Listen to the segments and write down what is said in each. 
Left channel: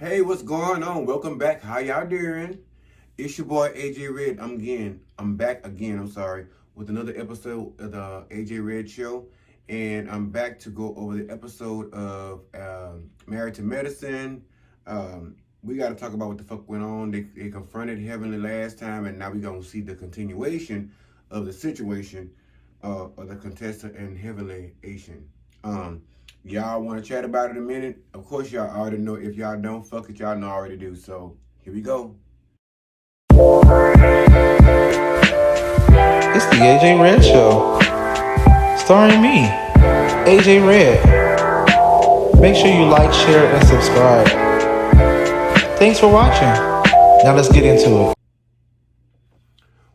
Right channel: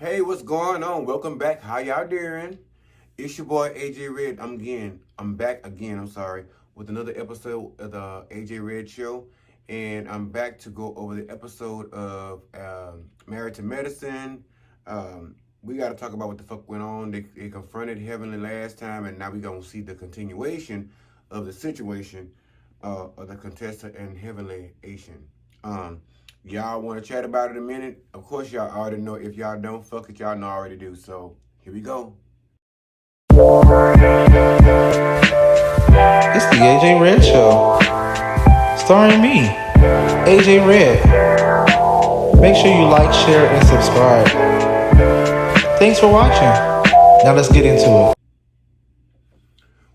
Hey, what's going on? Welcome back. How y'all doing? It's your boy AJ Red. I'm back again. With another episode of the AJ Red Show, and I'm back to go over the episode of Married to Medicine. We got to talk about what the fuck went on. They confronted Heavenly last time, and now we gonna see the continuation of the situation of the contestant and Heavenly Asian. Y'all want to chat about it a minute? Of course, y'all already know. If y'all don't, fuck it, y'all know I already do. So, here we go. It's the AJ Red Show, starring me, AJ Red. Make sure you like, share, and subscribe. Thanks for watching. Now let's get into it.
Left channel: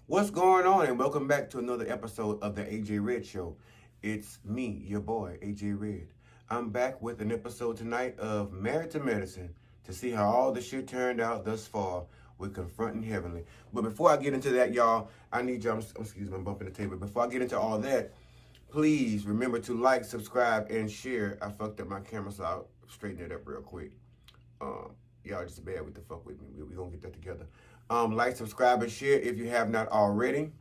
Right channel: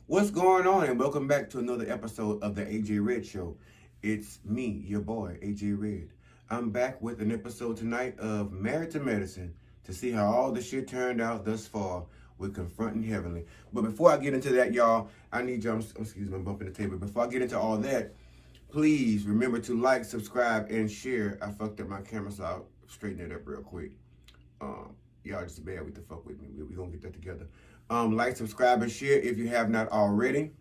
What's going on? And welcome back to another episode of the AJ Red Show. It's me, your boy, AJ Red. I'm back with an episode tonight of Married to Medicine to see how all the shit turned out thus far with confronting Heavenly. But before I get into that, y'all, I need y'all, excuse me, I'm bumping the table. Before I get into all that, please remember to like, subscribe, and share. I fucked up my camera, so I'll straighten it up real quick. Y'all just bear with the fuck with me. We're gonna get that together. Like, subscribe, and share if you have not already.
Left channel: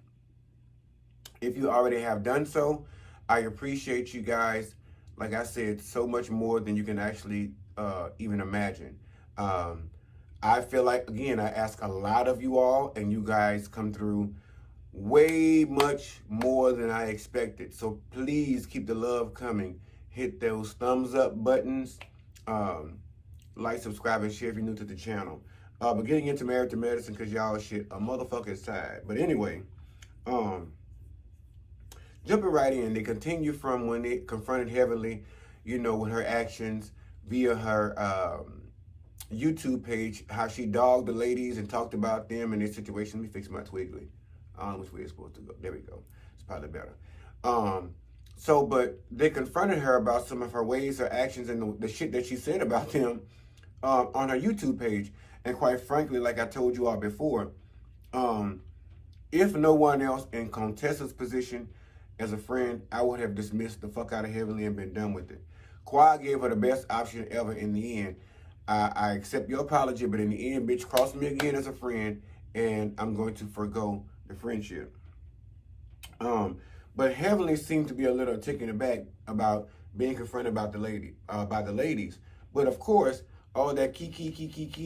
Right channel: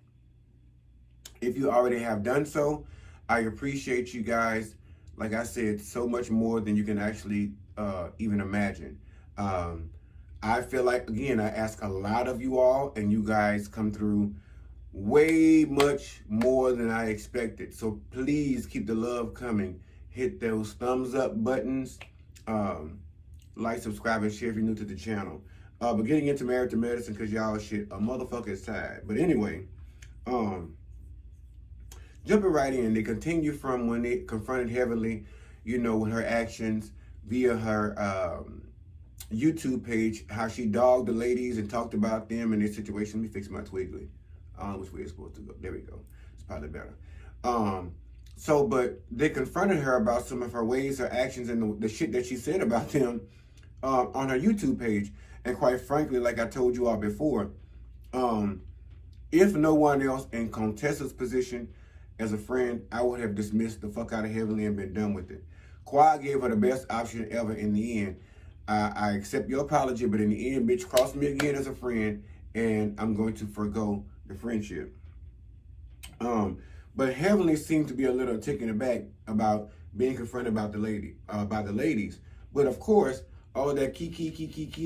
If you already have done so, I appreciate you guys. Like I said, so much more than you can actually even imagine. I feel like, again, I ask a lot of you all, and you guys come through way much more than I expected. So please keep the love coming. Hit those thumbs up buttons. Like, subscribe, and share if you're new to the channel. But getting into Married to Medicine, because y'all shit, a motherfucker is tired. But anyway, jumping right in, they continue from when they confronted Heavenly, with her actions via her YouTube page, how she dogged the ladies and talked about them and their situation. Let me fix my twiggly. I don't know which way it's supposed to go. There we go. It's probably better. But they confronted her about some of her ways, her actions, and the shit that she said about them on her YouTube page. And quite frankly, like I told you all before, if no one else in Contessa's position as a friend, I would have dismissed the fuck out of Heavenly and been done with it. Quad gave her the best option ever in the end. I accept your apology, but in the end, bitch, cross me again as a friend, and I'm going to forgo the friendship. But Heavenly seemed to be a little taken aback about being confronted about by the ladies. But of course, all that key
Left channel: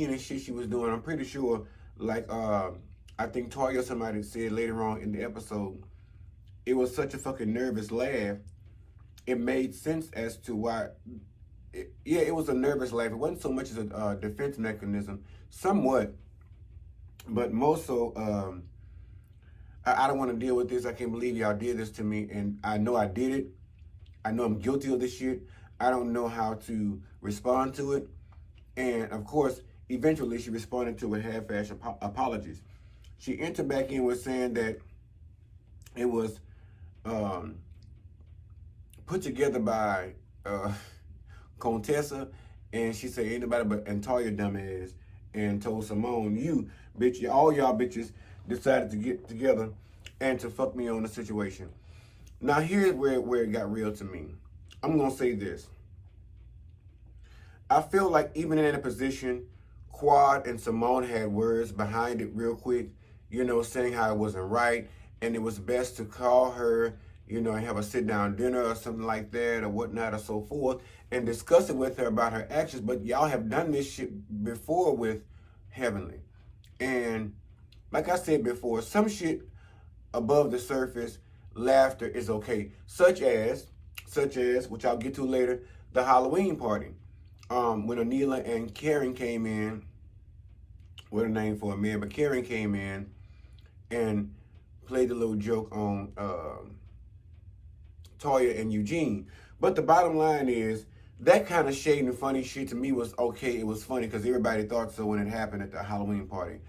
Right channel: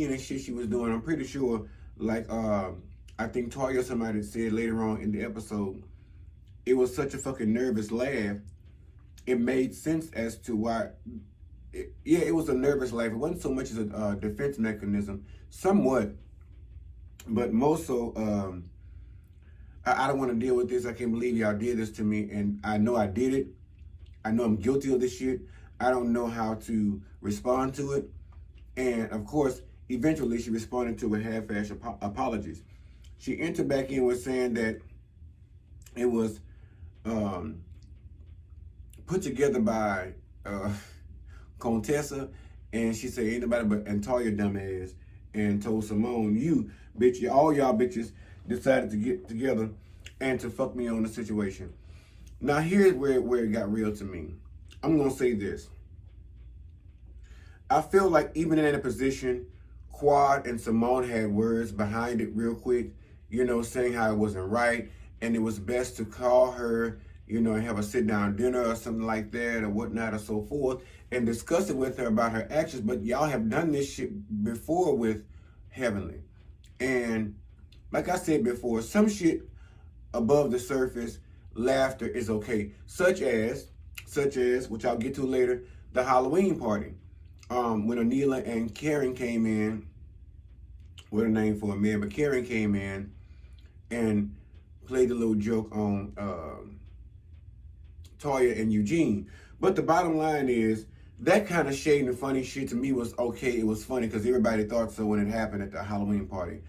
and shit she was doing, I'm pretty sure, like I think Toya or somebody said later on in the episode, it was such a fucking nervous laugh. It made sense as to why. It was a nervous laugh. It wasn't so much as a defense mechanism, somewhat, but most so. I don't want to deal with this. I can't believe y'all did this to me, and I know I did it. I know I'm guilty of this shit. I don't know how to respond to it. And of course, eventually she responded to a half-ass apologies. She entered back in with saying that it was put together by Contessa, and she said ain't nobody but Antoya dumbass, and told Simone, you bitch, all y'all bitches decided to get together and to fuck me on the situation. Now here's where it got real to me. I'm gonna say this. I feel like even in a position, Quad and Simone had words behind it real quick, saying how it wasn't right, and it was best to call her, and have a sit-down dinner or something like that or whatnot or so forth, and discuss it with her about her actions. But y'all have done this shit before with Heavenly. And like I said before, some shit above the surface, laughter is okay. Such as, which I'll get to later, the Halloween party. When Anila and Karen came in, what a name for a man, but Karen came in and played a little joke on Toya and Eugene. But the bottom line is, that kind of shade and funny shit to me was okay. It was funny because everybody thought so when it happened at the Halloween party.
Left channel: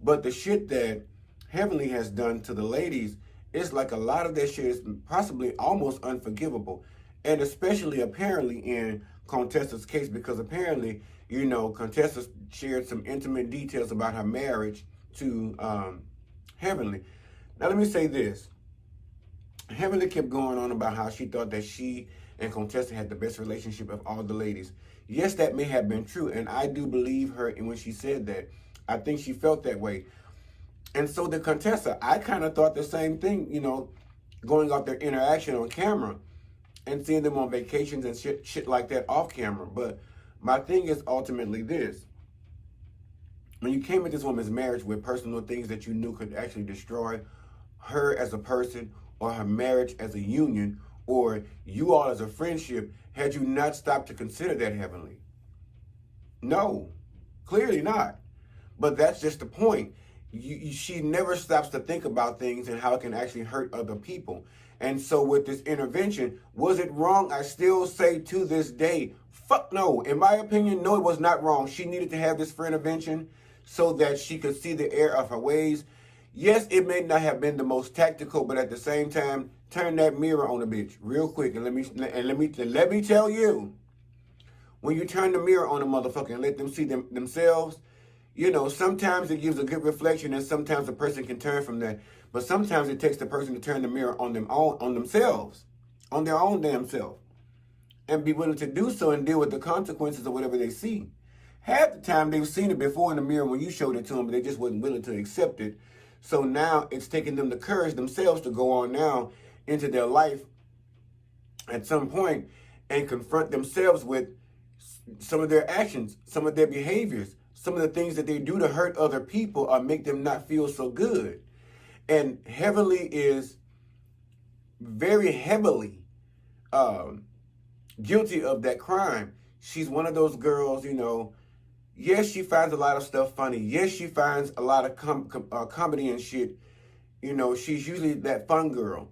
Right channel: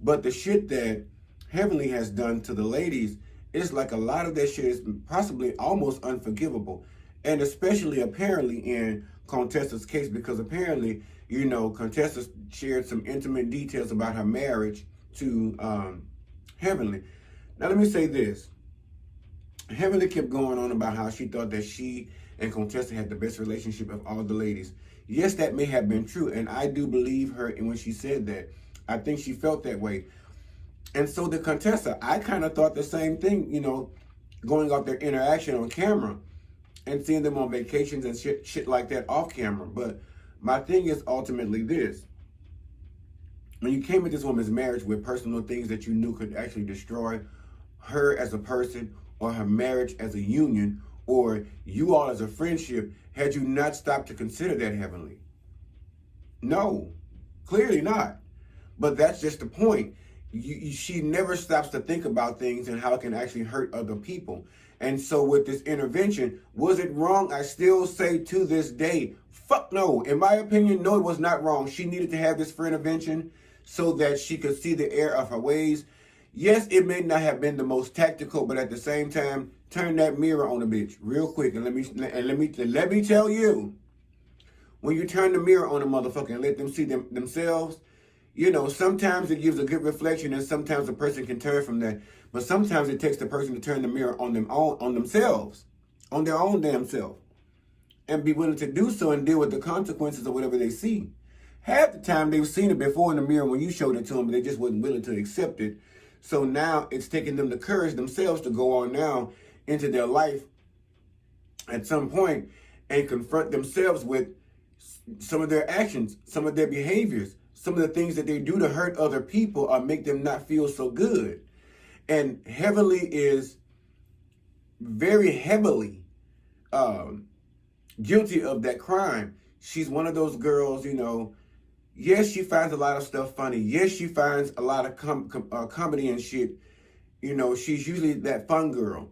But the shit that Heavenly has done to the ladies, it's like a lot of that shit is possibly almost unforgivable. And especially apparently in Contessa's case, because apparently, Contessa shared some intimate details about her marriage to Heavenly. Now let me say this. Heavenly kept going on about how she thought that she and Contessa had the best relationship of all the ladies. Yes, that may have been true, and I do believe her when she said that. I think she felt that way. And so the Contessa, I kind of thought the same thing, going off their interaction on camera and seeing them on vacations and shit like that off camera. But my thing is ultimately this. When you came at this woman's marriage with personal things that you knew could actually destroy her as a person or her marriage as a union or you all as a friendship, had you not stopped to consider that, Heavenly? No, clearly not. But that's just the point. She never stops to think about things and how it can actually hurt other people. And so with this intervention, was it wrong? I still say to this day, fuck no. In my opinion, no, it was not wrong. She needed to have this Frienavention so that she could see the error of her ways. Yes, it may not have been the most tactical, but at the same time, turn that mirror on a bitch real quick. And let me tell you, when you turn the mirror on a motherfucker and let them see themselves, sometimes it gives a good reflection and sometimes a person can turn from that. But sometimes it takes the person to turn the mirror on themselves, on their own damn self, and be willing to do so and deal with the consequences of whatever they see. Half the time they've seen it before in the mirror when you showed it to them, but they just wasn't willing to accept it. So now it's taking them the courage themselves to go on now into their life at some point and confront themselves with some of their actions, some of their behaviors, some of the things that they do to hurt other people or make them not feel so good. And Heavenly is very heavily guilty of that crime. She's one of those girls, yes, she finds a lot of stuff funny. Yes, she finds a lot of comedy and shit. She's usually that fun girl.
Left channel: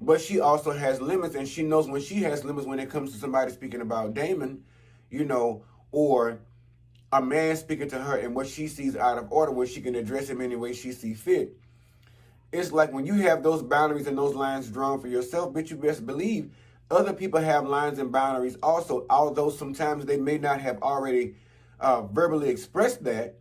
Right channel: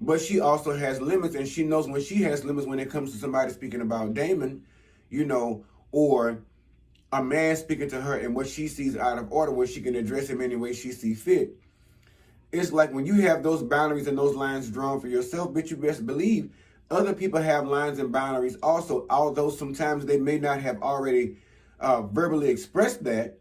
But she also has limits, and she knows when she has limits when it comes to somebody speaking about Damon, or a man speaking to her and what she sees out of order, where she can address him any way she sees fit. It's like when you have those boundaries and those lines drawn for yourself, bitch, you best believe other people have lines and boundaries also, although sometimes they may not have already verbally expressed that,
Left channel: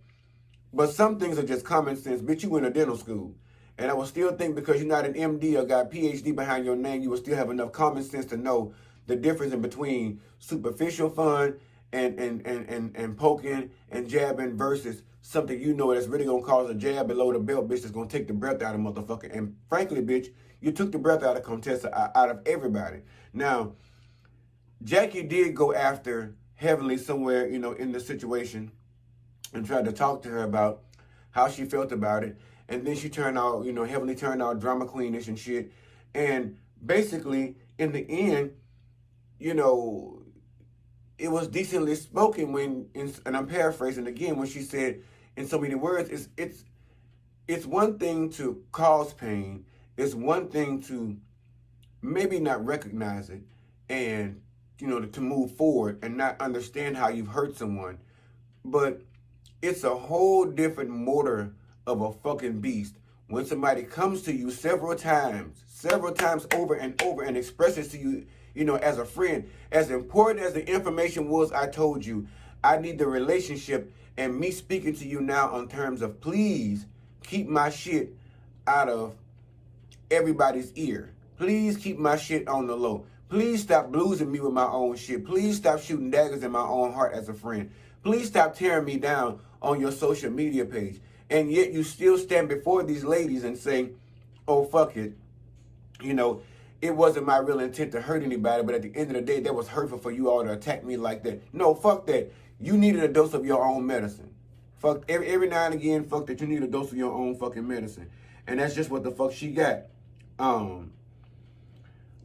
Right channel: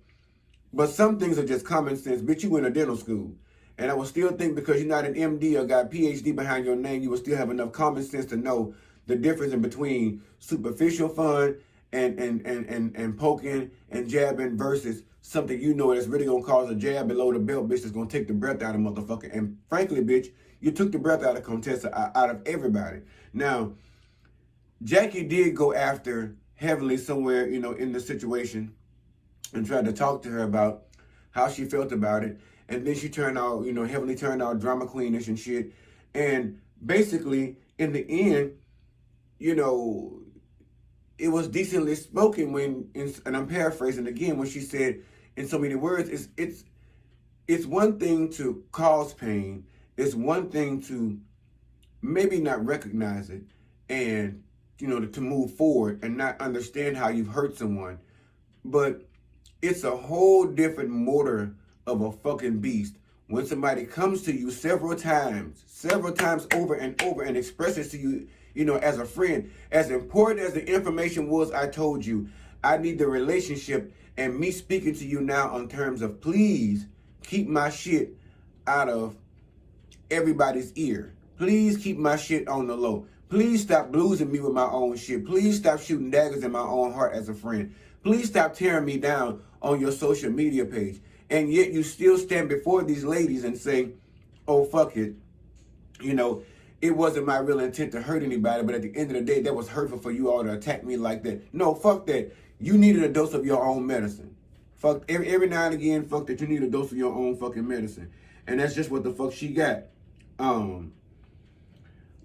but some things are just common sense. Bitch, you went to dental school. And I will still think because you're not an MD or got PhD behind your name, you will still have enough common sense to know the difference in between superficial fun and poking and jabbing versus something that's really gonna cause a jab below the belt, bitch, that's gonna take the breath out of motherfucker. And frankly, bitch, you took the breath out of Contessa, out of everybody. Now, Jackie did go after Heavenly somewhere, in the situation and tried to talk to her about how she felt about it. And then she turned out, Heavenly turned out drama queenish and shit. And basically, in the end, it was decently spoken and I'm paraphrasing again, when she said in so many words, it's one thing to cause pain. It's one thing to maybe not recognize it and, to move forward and not understand how you've hurt someone. But it's a whole different motor of a fucking beast when somebody comes to you several times over and over and expresses to you, as a friend, as important as the information was I told you, I need the relationship and me speaking to you now on terms of please keep my shit out of everybody's ear. Please keep my shit on the low. Please stop bluesing me with my own shit. Please stop shooting daggers in my own heart as a friend. Please stop tearing me down on your social media page. And yet you still stand before these ladies and say, oh, fuck it. It wasn't my real intent to hurt anybody, but at the end of the day, that was hurtful for you all to attack me like that. No, fuck that. You needed a dose of your own medicine. Fuck, every now and again, fuck that, you need a dose of your own fucking medicine. And that's just what the fuck she got.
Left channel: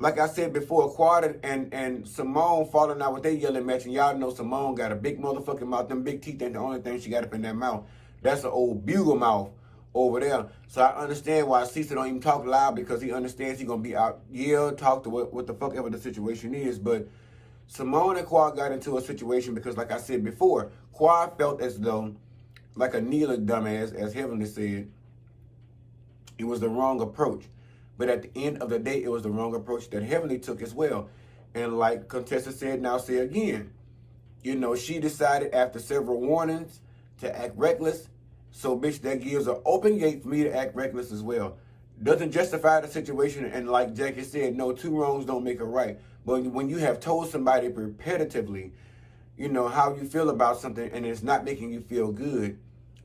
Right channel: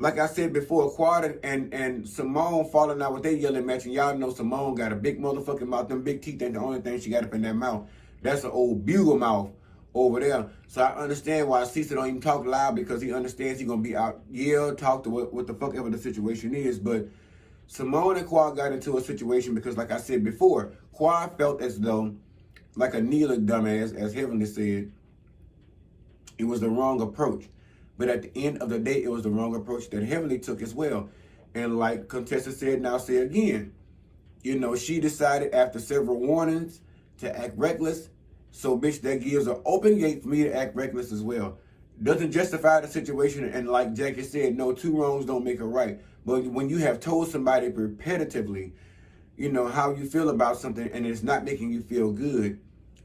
Like I said before, Quad and Simone falling out with their yelling match, and y'all know Simone got a big motherfucking mouth. Them big teeth ain't the only thing she got up in that mouth. That's an old bugle mouth over there. So I understand why Cecil don't even talk loud, because he understands he's going to be out, talk to what the fuck ever the situation is. But Simone and Quad got into a situation because, like I said before, Quad felt as though, like a kneeling dumbass, as Heavenly said, it was the wrong approach. But at the end of the day, it was the wrong approach that Heavenly took as well. And like Contessa said, now say again, she decided after several warnings to act reckless. So, bitch, that gives an open gate for me to act reckless as well. Doesn't justify the situation. And like Jackie said, no, two wrongs don't make a right. But when you have told somebody repetitively, you know, how you feel about something and it's not making you feel good,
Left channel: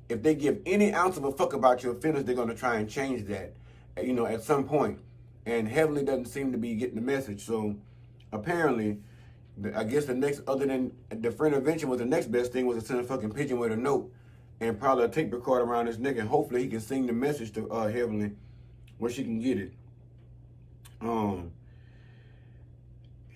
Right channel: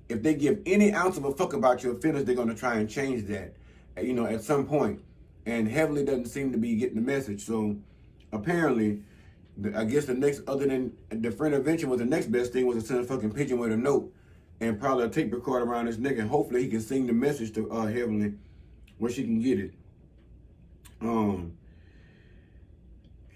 if they give any ounce of a fuck about your feelings, they're going to try and change that, you know, at some point. And Heavenly doesn't seem to be getting the message. So apparently, I guess the next, other than the Frienavention, was the next best thing was to send a fucking pigeon with a note and probably a tape recorder around his neck, and hopefully he can sing the message to Heavenly where she can get it.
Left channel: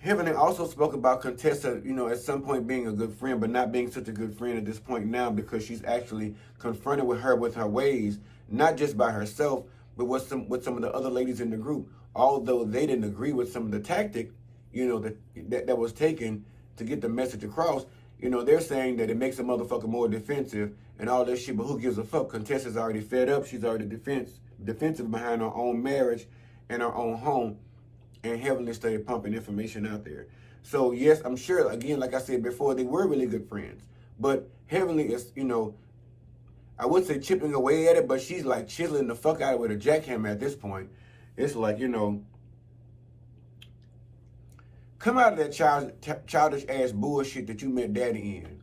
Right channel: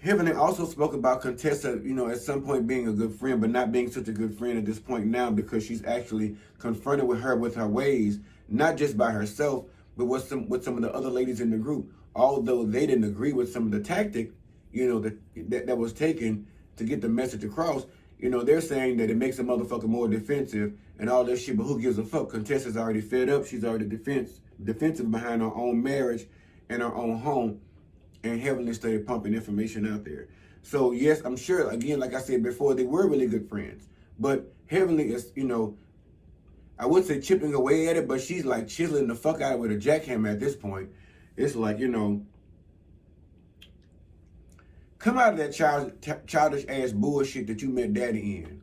Heavenly also spoke about Contessa, you know, at some point being a good friend, but not being such a good friend at this point now, because she's actually confronted with her ways, not just by herself, but with some of the other ladies in the group. Although they didn't agree with some of the tactic, you know, that was taken to get the message across, you know, they're saying that it makes a motherfucker more defensive and all this shit, but who gives a fuck? Contessa's already fed up. She's already defensive behind her own marriage and her own home. And Heavenly started pumping information out there. So yes, I'm sure, again, like I said before, they were really good friends. But Heavenly is, you know, I wouldn't say chipping away at it, but she's like chiseling the fuck out of it with a jackhammer at this point. It's like, you know, come out of that childish ass bullshit that you met daddy in.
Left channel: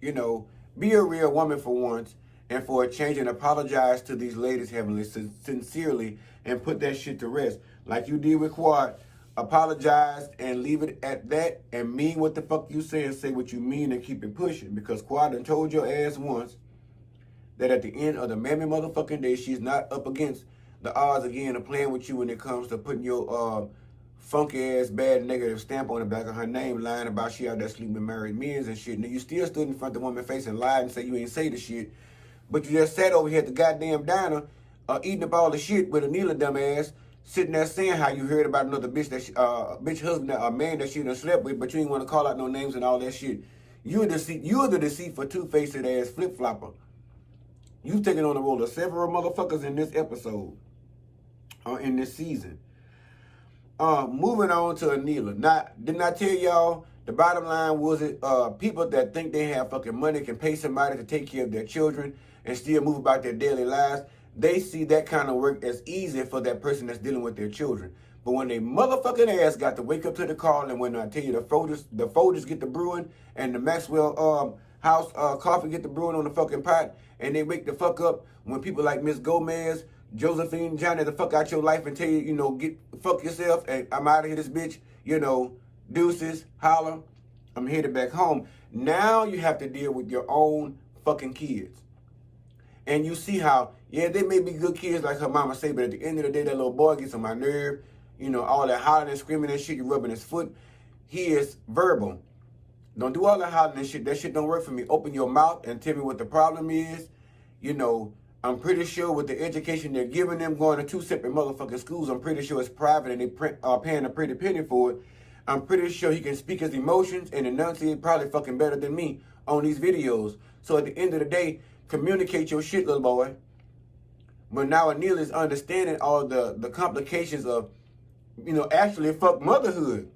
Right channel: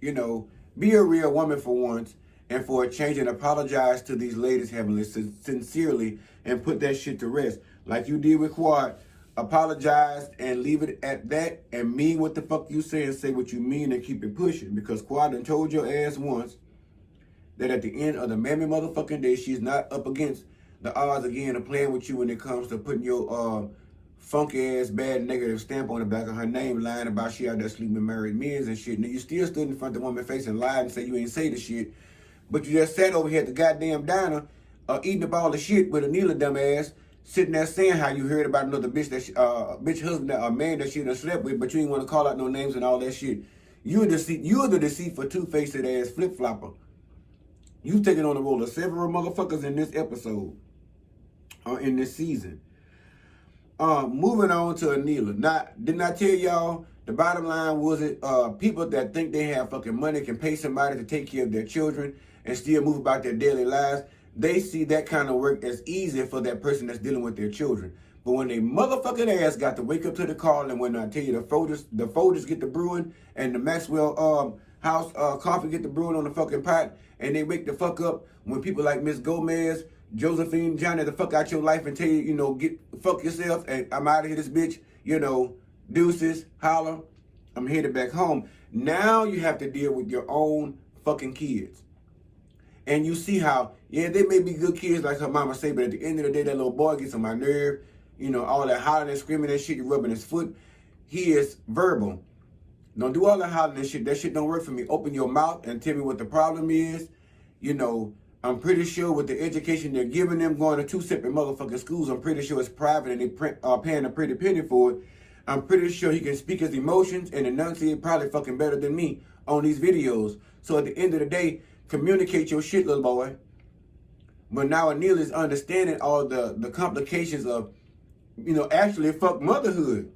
You know, be a real woman for once, and for a change, and apologize to these ladies, Heavenly, sincerely, and put that shit to rest. Like you did with Quad. Apologize and leave it at that, and mean what the fuck you say, and say what you mean, and keep it pushing. Because Quad done told your ass once that at the end of the mammy motherfucking day, she's not up against the odds again of playing with you when it comes to putting your funky ass bad negative stamp on the back of her name, lying about she out there sleeping with married men and shit. Now you still stood in front of the woman's face and lied and said you ain't say the shit, but you just sat over here at the goddamn diner eating up all the shit with a Neela dumbass, sitting there saying how you heard about another bitch that bitch husband, a man that she done slept with, but you ain't want to call out no names and all that shit. You're the deceitful, two-faced ass flip-flopper. You taking on the role of several motherfuckers in this episode, or in this season. Moving on to Neela. Now, didn't I tell y'all, the bottom line was it, people that think they have fucking money can pay somebody to take care of their children and still move about their daily lives. They see that kind of work as easy for that person that's dealing with their children. But when they motherfucking ass got to wake up to the call, and when I tell you the Folders get the brewing, and the Maxwell house coffee get the brewing on the fucking pot, and they wake the fuck up when people like Miss Gomez, Josephine, Johnny, the fuck out your life and tell you, you know, fuck yourself, and I'm out of here, this bitch, you know, deuces, holla, I'm headed back home. Now you have to deal with your own fucking kids. And you see how, yeah, they may be good kids like her mama say, but at the end of the day, that little boy gets on my nerve. You know, all that hollering and screaming and shit, you rubbing his foot. He is verbal. Don't do all that hollering and shit. That shit don't work for me. Open your mouth and tell me what the problem is. You know, I'm pretty sure with the education they're giving them, going to two separate motherfucking schools, I'm pretty sure it's private and they paying a pretty penny for it. I'm pretty sure he can speak his emotions and enunciate probably fucking better than me on these videos. So at the end of the day, communicate your shit, little boy. But now Anil is understanding all the complications of, you know, actually fuck motherhood.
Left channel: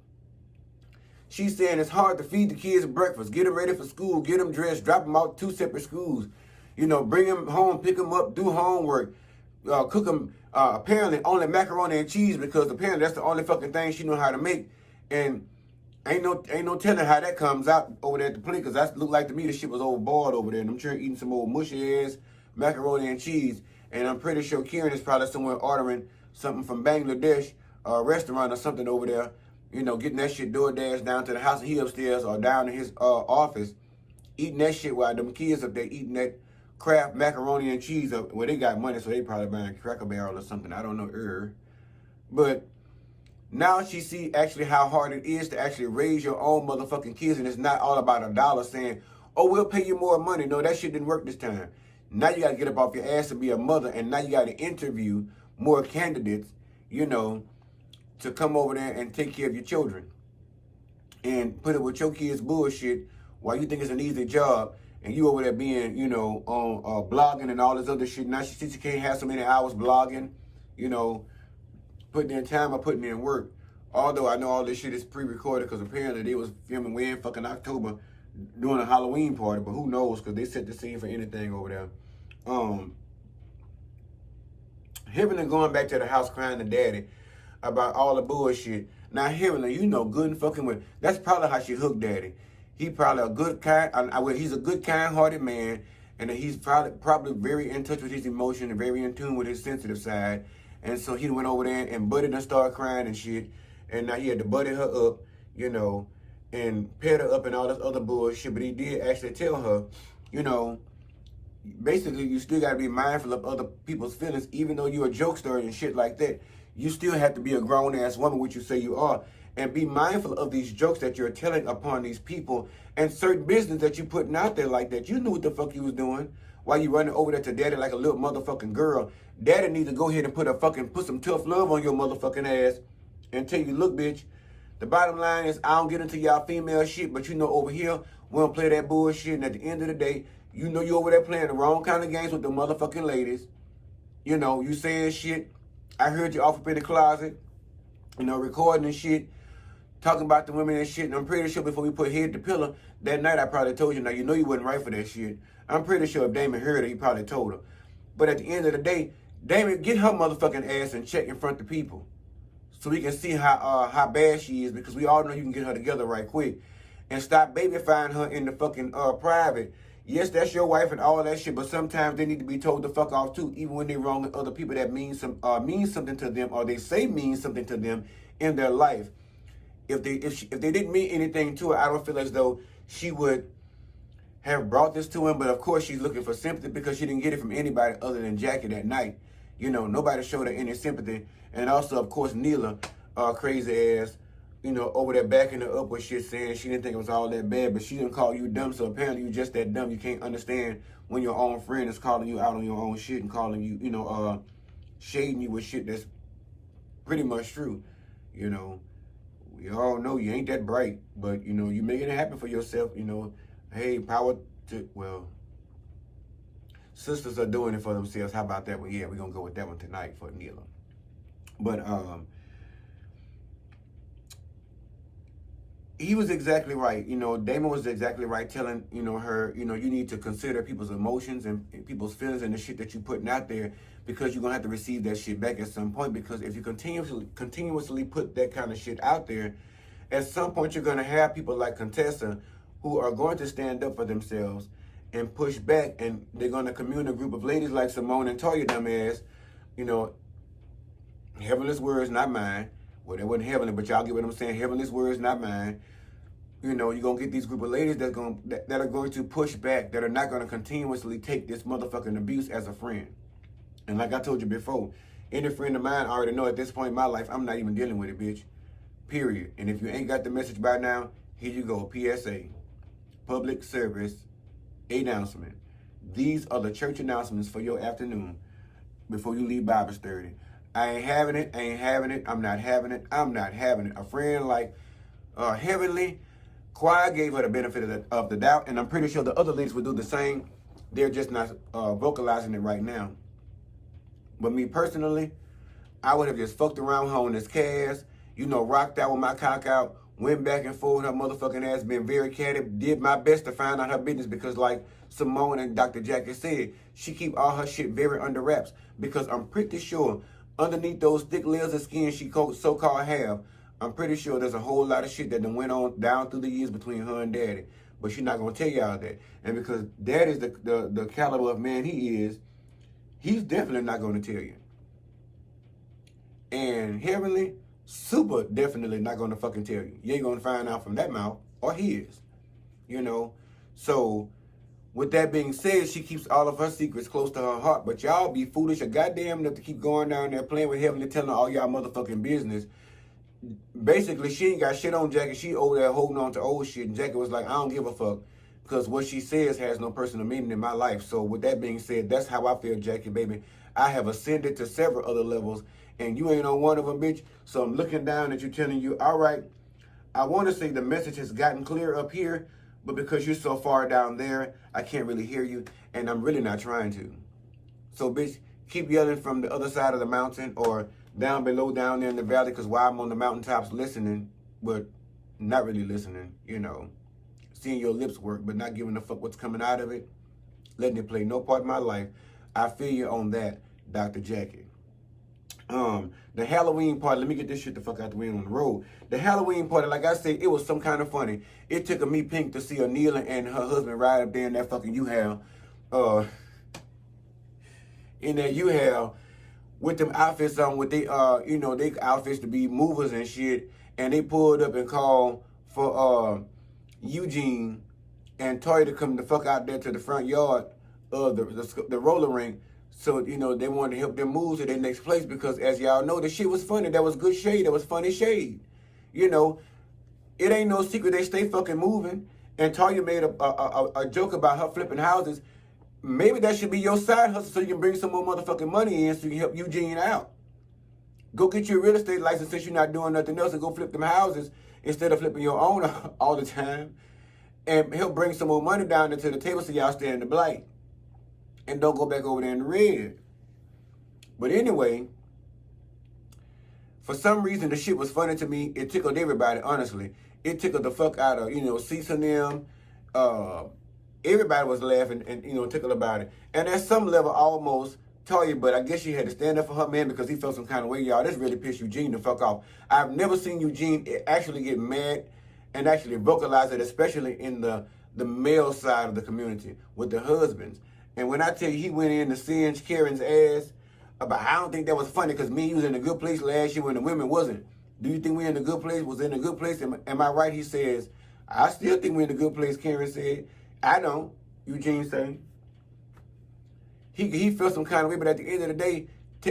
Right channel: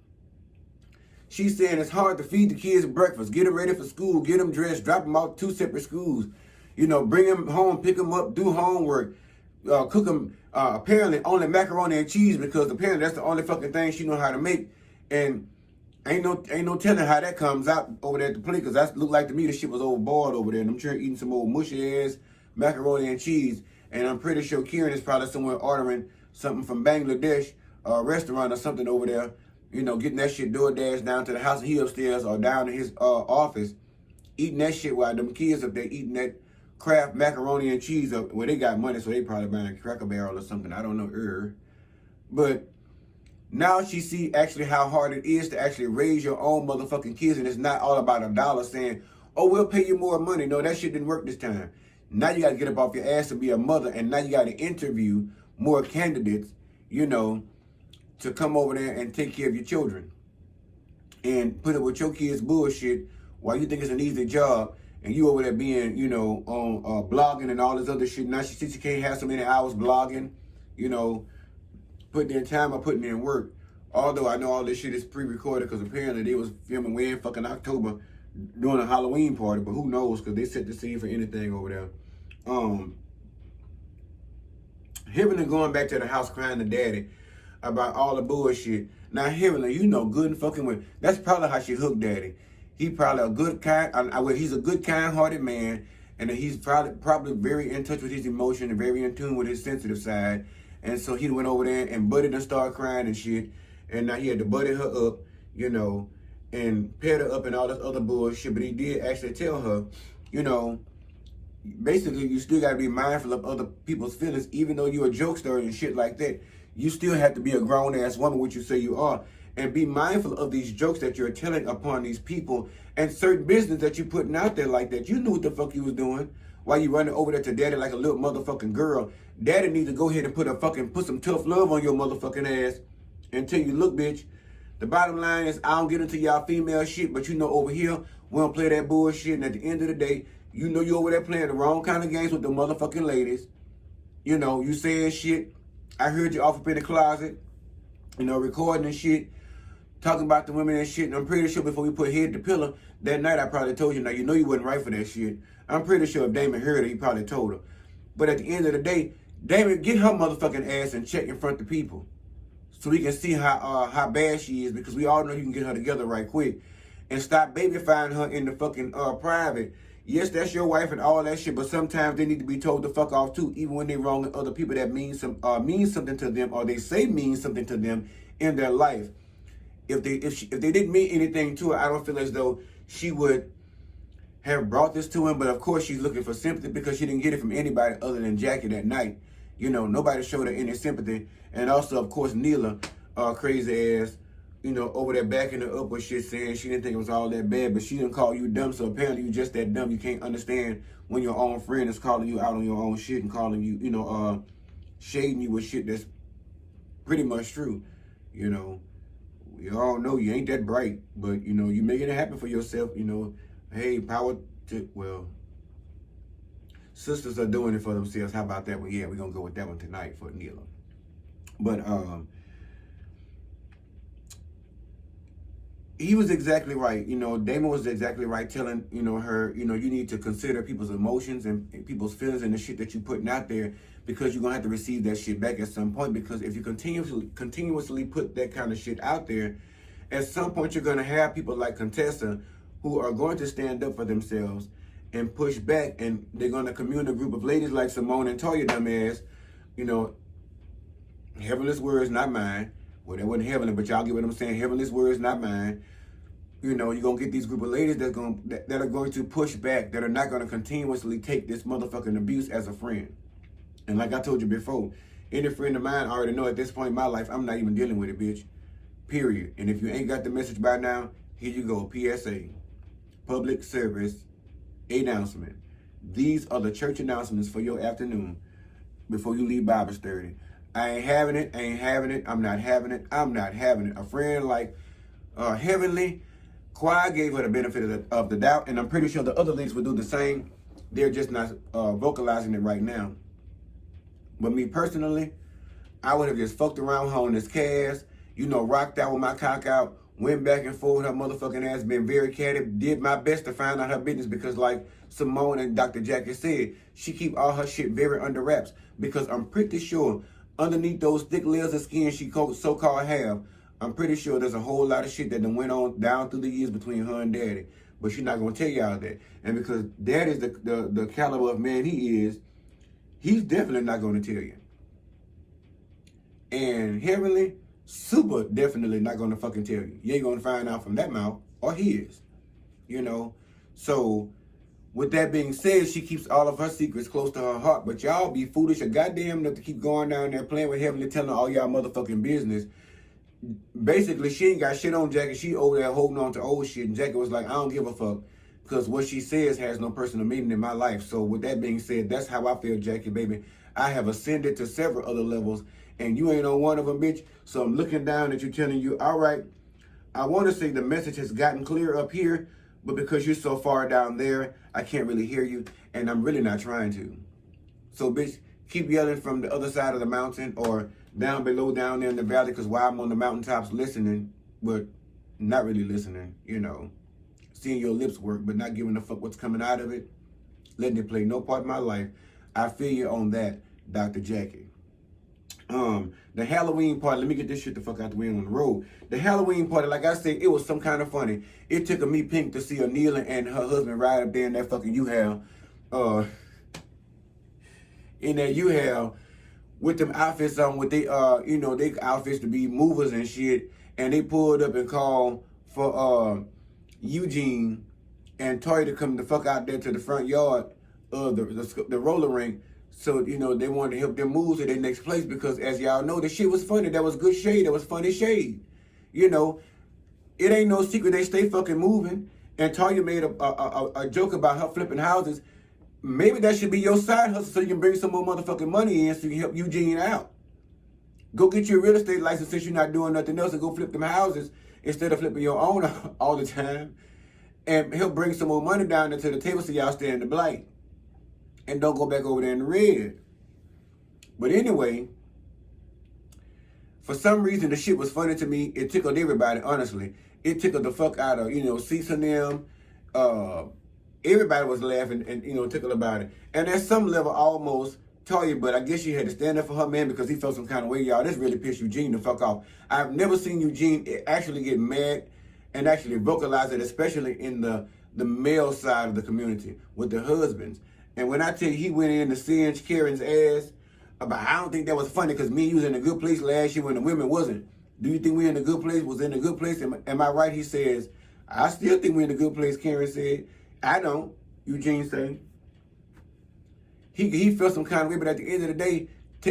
She's saying it's hard to feed the kids breakfast, get them ready for school, get them dressed, drop them out two separate schools. You know, bring them home, pick them up, do homework, cook them, apparently only macaroni and cheese, because apparently that's the only fucking thing she know how to make. And ain't no telling how that comes out over there at the plate, because that looked like to me the shit was overboiled over there. And I'm sure eating some old mushy ass macaroni and cheese. And I'm pretty sure Kieran is probably somewhere ordering something from Bangladesh, a restaurant or something over there. You know, getting that shit DoorDash down to the house, and he upstairs or down in his office, eating that shit while them kids up there eating that Kraft macaroni and cheese up. Well, they got money, so they probably buying Cracker Barrel or something. I don't know. But now she see actually how hard it is to actually raise your own motherfucking kids, and it's not all about a dollar saying, oh, we'll pay you more money. No, that shit didn't work this time. Now you got to get up off your ass to be a mother, and now you got to interview more candidates, you know, to come over there and take care of your children and put it with your kids' bullshit while you think it's an easy job, and you over there being, you know, on blogging and all this other shit. Now she sees she can't have so many hours blogging, you know, putting in time or putting in work. Although I know all this shit is pre-recorded, because apparently they was filming way in fucking October doing a Halloween party, but who knows, because they set the scene for anything over there. Heavenly going back to the house crying to daddy about all the bullshit. Now Heavenly, you know good and fucking well, that's probably how she hooked daddy. He probably a good, he's a good, kind-hearted man, and he's probably very in touch with his emotion and very in tune with his sensitive side. And so he went over there and Buddy done started crying and shit. And now he had to buddy her up, you know, and pet her up and all this other bullshit. But he did actually tell her, you know, basically you still got to be mindful of other people's feelings. Even though you're a jokester and shit like that, you still have to be a grown-ass woman, which you say you are. And be mindful of these jokes that you're telling upon these people and certain business that you're putting out there like that. You knew what the fuck you was doing while you running over there to daddy like a little motherfucking girl. Daddy needs to go ahead and put some tough love on your motherfucking ass and tell you, look, bitch, the bottom line is I don't get into y'all female shit, but you know over here, we don't play that bullshit. And at the end of the day, you know you over there playing the wrong kind of games with the motherfucking ladies. You know, you saying shit. I heard you off up in the closet, you know, recording and shit, talking about the women and shit. And I'm pretty sure before we put head to pillow, that night I probably told you, now you know you wasn't right for that shit. I'm pretty sure if Damon heard it, he probably told her. But at the end of the day, Damon, get her motherfucking ass and check in front of people, so we can see how bad she is, because we all know you can get her together right quick. And stop babyfying her in the fucking private. Yes, that's your wife and all that shit, but sometimes they need to be told to fuck off too, even when they wrong with other people that mean something to them, or they say mean something to them in their life. If they didn't mean anything to her, I don't feel as though she would have brought this to him. But of course she's looking for sympathy, because she didn't get it from anybody other than Jackie that night. You know, nobody showed her any sympathy. And also, of course, Neela, crazy ass, you know, over there backing her up with shit, saying she didn't think it was all that bad, but she didn't call you dumb. So apparently you just that dumb. You can't understand when your own friend is calling you out on your own shit and calling you, you know, shading you with shit that's pretty much true. You know, we all know you ain't that bright, but, you know, you making it happen for yourself. You know, hey, power to, well, sisters are doing it for themselves. How about that one? Yeah, we're going to go with that one tonight for Neela. But he was exactly right. You know, Damon was exactly right telling, you know, her, you know, you need to consider people's emotions and people's feelings and the shit that you're putting out there, because you're going to have to receive that shit back at some point. Because if you continuously put that kind of shit out there, at some point you're going to have people like Contessa who are going to stand up for themselves and push back, and they're going to commune a group of ladies like Simone and Toya, dumbass, you know, heavenless words, not mine. Well, they wasn't heavenly, but y'all get what I'm saying. Heavenless words, not mine. You know, you're going to get these group of ladies that are going to push back, that are not going to continuously take this motherfucking abuse as a friend. And like I told you before, any friend of mine, I already know at this point in my life, I'm not even dealing with it, bitch. Period. And if you ain't got the message by now, here you go. PSA. Public service announcement. These are the church announcements for your afternoon before you leave Bible study. I ain't having it. I ain't having it. I'm not having it. I'm not having it. A friend like Heavenly Choir gave her the benefit of the doubt, and I'm pretty sure the other ladies will do the same. They're just not vocalizing it right now. But me personally, I would have just fucked around her on this cast, you know, rocked out with my cock out, went back and forth with her motherfucking ass, been very catty, did my best to find out her business, because like Simone and Dr. Jackie said, she keep all her shit very under wraps, because I'm pretty sure underneath those thick layers of skin she so-called have, I'm pretty sure there's a whole lot of shit that done went on down through the years between her and Daddy. But she's not going to tell y'all that. And because Daddy's the caliber of man he is, he's definitely not going to tell you. And Heavenly, super definitely not going to fucking tell you. You ain't going to find out from that mouth or his. You know? So, with that being said, she keeps all of her secrets close to her heart. But y'all be foolish or goddamn enough to keep going down there playing with Heavenly, telling her all y'all motherfucking business. Basically, she ain't got shit on Jackie. She over there holding on to old shit. And Jackie was like, I don't give a fuck, because what she says has no personal meaning in my life. So with that being said, that's how I feel, Jackie, baby. I have ascended to several other levels, and you ain't on one of them, bitch. So I'm looking down at you, telling you, all right, I want to say the message has gotten clear up here, but because you're so far down there, I can't really hear you, and I'm really not trying to. So, bitch, keep yelling from the other side of the mountain, or down below, down there in the valley, because while I'm on the mountaintops listening, but not really listening, you know, seeing your lips work, but not giving a fuck what's coming out of it, letting it play no part in my life. I feel you on that, Dr. Jackie. The Halloween party, let me get this shit the fuck out the way on the road. The Halloween party, like I said, it was some kind of funny. It took a me pink to see Anila and her husband ride up there in that fucking U-Haul. In that U-Haul with them outfits on, with they, they outfits to be movers and shit. And they pulled up and called for Eugene and Toya to come the fuck out there to the front yard of the roller rink. So, they wanted to help them move to their next place because, as y'all know, the shit was funny. That was good shade. That was funny shade. It ain't no secret they stay fucking moving. And Toya made a joke about her flipping houses. Maybe that should be your side hustle so you can bring some more motherfucking money in so you can help Eugene out. Go get your real estate license since you're not doing nothing else and go flip them houses instead of flipping your own all the time. And help bring some more money down into the table so y'all stay in the black. And don't go back over there in the red. But anyway, for some reason, the shit was funny to me. It tickled everybody, honestly. It tickled the fuck out of, Cease and them. Everybody was laughing and, tickled about it. And at some level, almost Toya, but I guess she had to stand up for her man because he felt some kind of way, y'all. This really pissed Eugene the fuck off. I've never seen Eugene actually get mad and actually vocalize it, especially in the male side of the community with the husbands. And when I tell you he went in to singe Karen's ass, I don't think that was funny because me and you was in a good place last year when the women wasn't. Do you think we in a good place? Was in a good place? Am I right? He says, I still think we're in a good place, Karen said. I don't, Eugene said. He felt some kind of way, but at the end of the day,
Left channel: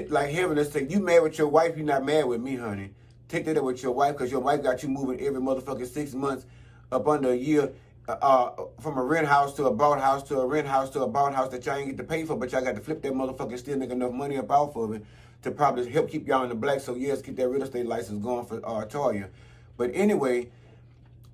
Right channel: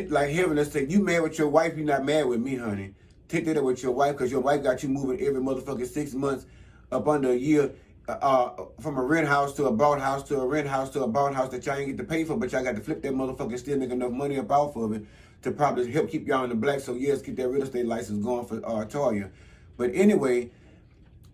like heaven, let's say, you mad with your wife, you're not mad with me, honey. Take that up with your wife because your wife got you moving every motherfucking 6 months up under a year. From a rent house to a bought house to a rent house to a bought house that y'all ain't get to pay for, but y'all got to flip that motherfucker, still make enough money up off of it to probably help keep y'all in the black. So yes, keep that real estate license going for Toya. But anyway,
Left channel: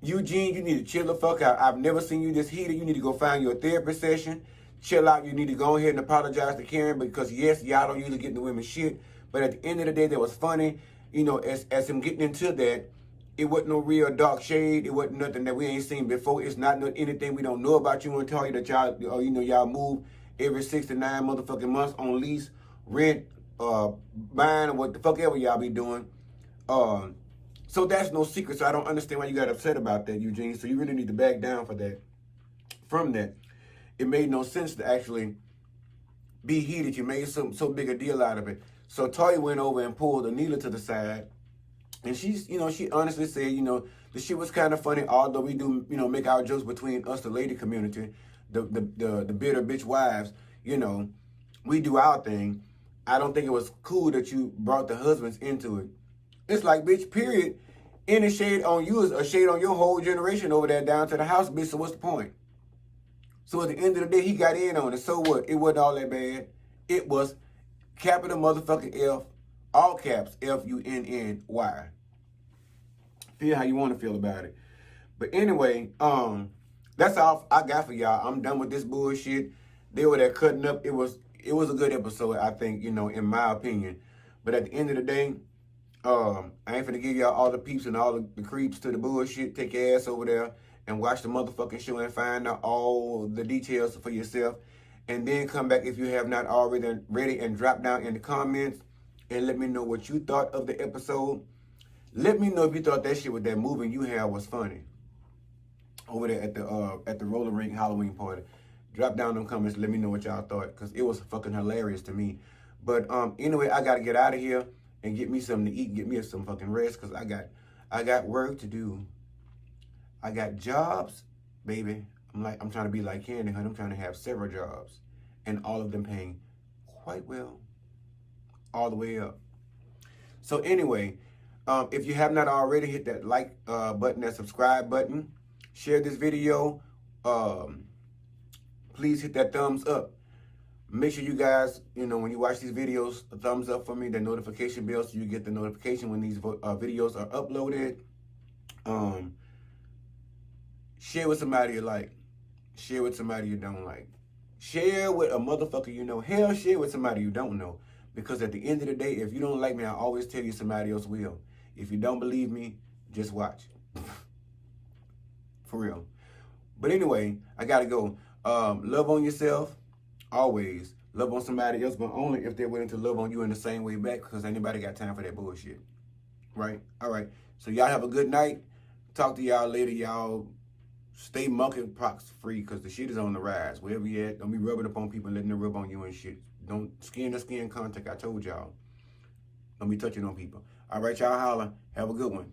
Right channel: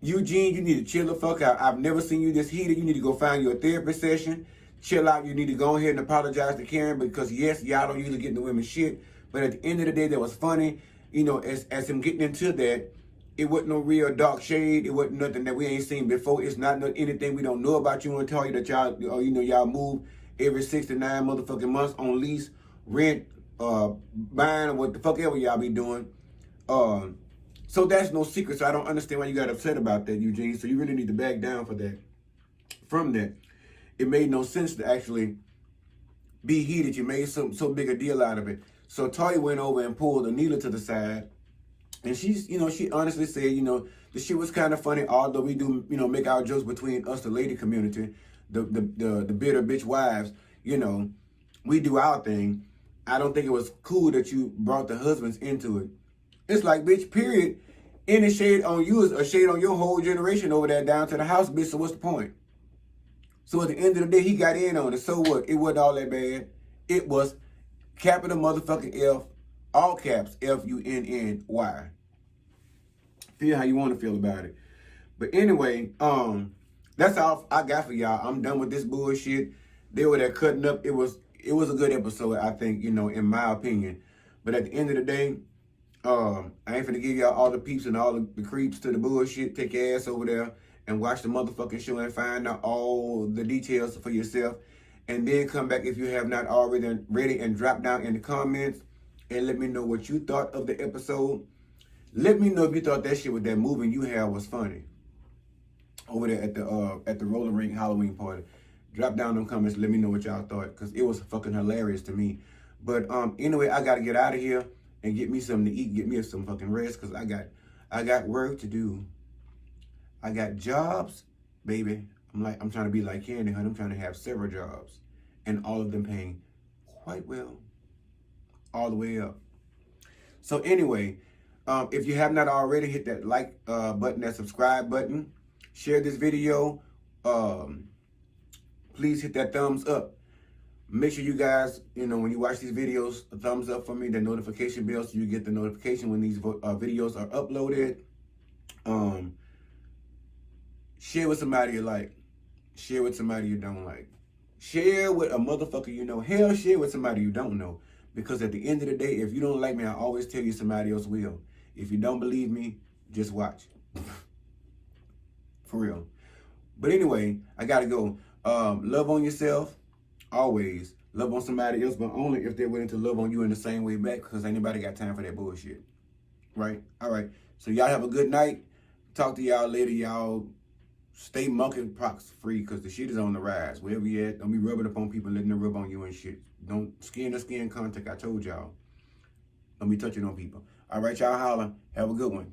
Eugene, you need to chill the fuck out. I've never seen you this heated. You need to go find your therapy session. Chill out. You need to go ahead and apologize to Karen because yes, y'all don't usually get in the women's shit. But at the end of the day, that was funny. As him getting into that, it wasn't no real dark shade. It wasn't nothing that we ain't seen before. It's not anything we don't know about you and tell you that y'all, y'all move every 6 to 9 motherfucking months on lease, rent, buying, or what the fuck ever y'all be doing. So that's no secret. So I don't understand why you got upset about that, Eugene. So you really need to back down from that. It made no sense to actually be heated. You made so big a deal out of it. So Toya went over and pulled Anila to the side. And she's, she honestly said, the shit was kind of funny, although we do, make our jokes between us, the lady community, the bitter bitch wives, we do our thing. I don't think it was cool that you brought the husbands into it. It's like, bitch, period. Any shade on you is a shade on your whole generation over there down to the house, bitch, so what's the point? So at the end of the day, he got in on it. So what? It wasn't all that bad. It was capital motherfucking F, all caps, F-U-N-N-Y. Feel how you want to feel about it. But anyway, that's all I got for y'all. I'm done with this bullshit. They were there cutting up. It was a good episode, I think, in my opinion. But at the end of the day, I ain't finna give y'all all the peeps and all the creeps to the bullshit. Take your ass over there and watch the motherfucking show and find out all the details for yourself. And then come back if you have not already and drop down in the comments and let me know what you thought of the episode. Let me know if you thought that shit with that moving you had was funny. Over there at the roller rink Halloween party. Drop down them comments. Let me know what y'all thought because it was fucking hilarious to me. But anyway, I gotta get out of here and get me something to eat, get me some fucking rest because I got work to do. I got jobs, baby. I'm trying to be like Candy, honey. I'm trying to have several jobs and all of them paying quite well, all the way up. So anyway, if you have not already, hit that like button, that subscribe button, share this video. Please hit that thumbs up. Make sure you guys, when you watch these videos, a thumbs up for me, the notification bell so you get the notification when these videos are uploaded. Share with somebody you like. Share with somebody you don't like. Share with a motherfucker you know. Hell, share with somebody you don't know. Because at the end of the day, if you don't like me, I always tell you somebody else will. If you don't believe me, just watch. For real. But anyway, I gotta go. Love on yourself. Always. Love on somebody else, but only if they're willing to love on you in the same way back, because ain't nobody got time for that bullshit. Right? All right. So y'all have a good night. Talk to y'all later. Y'all stay monkeypox free, because the shit is on the rise. Wherever you at, don't be rubbing up on people and letting them rub on you and shit. Don't skin to skin contact. I told y'all. Don't be touching on people. All right, y'all holla. Have a good one.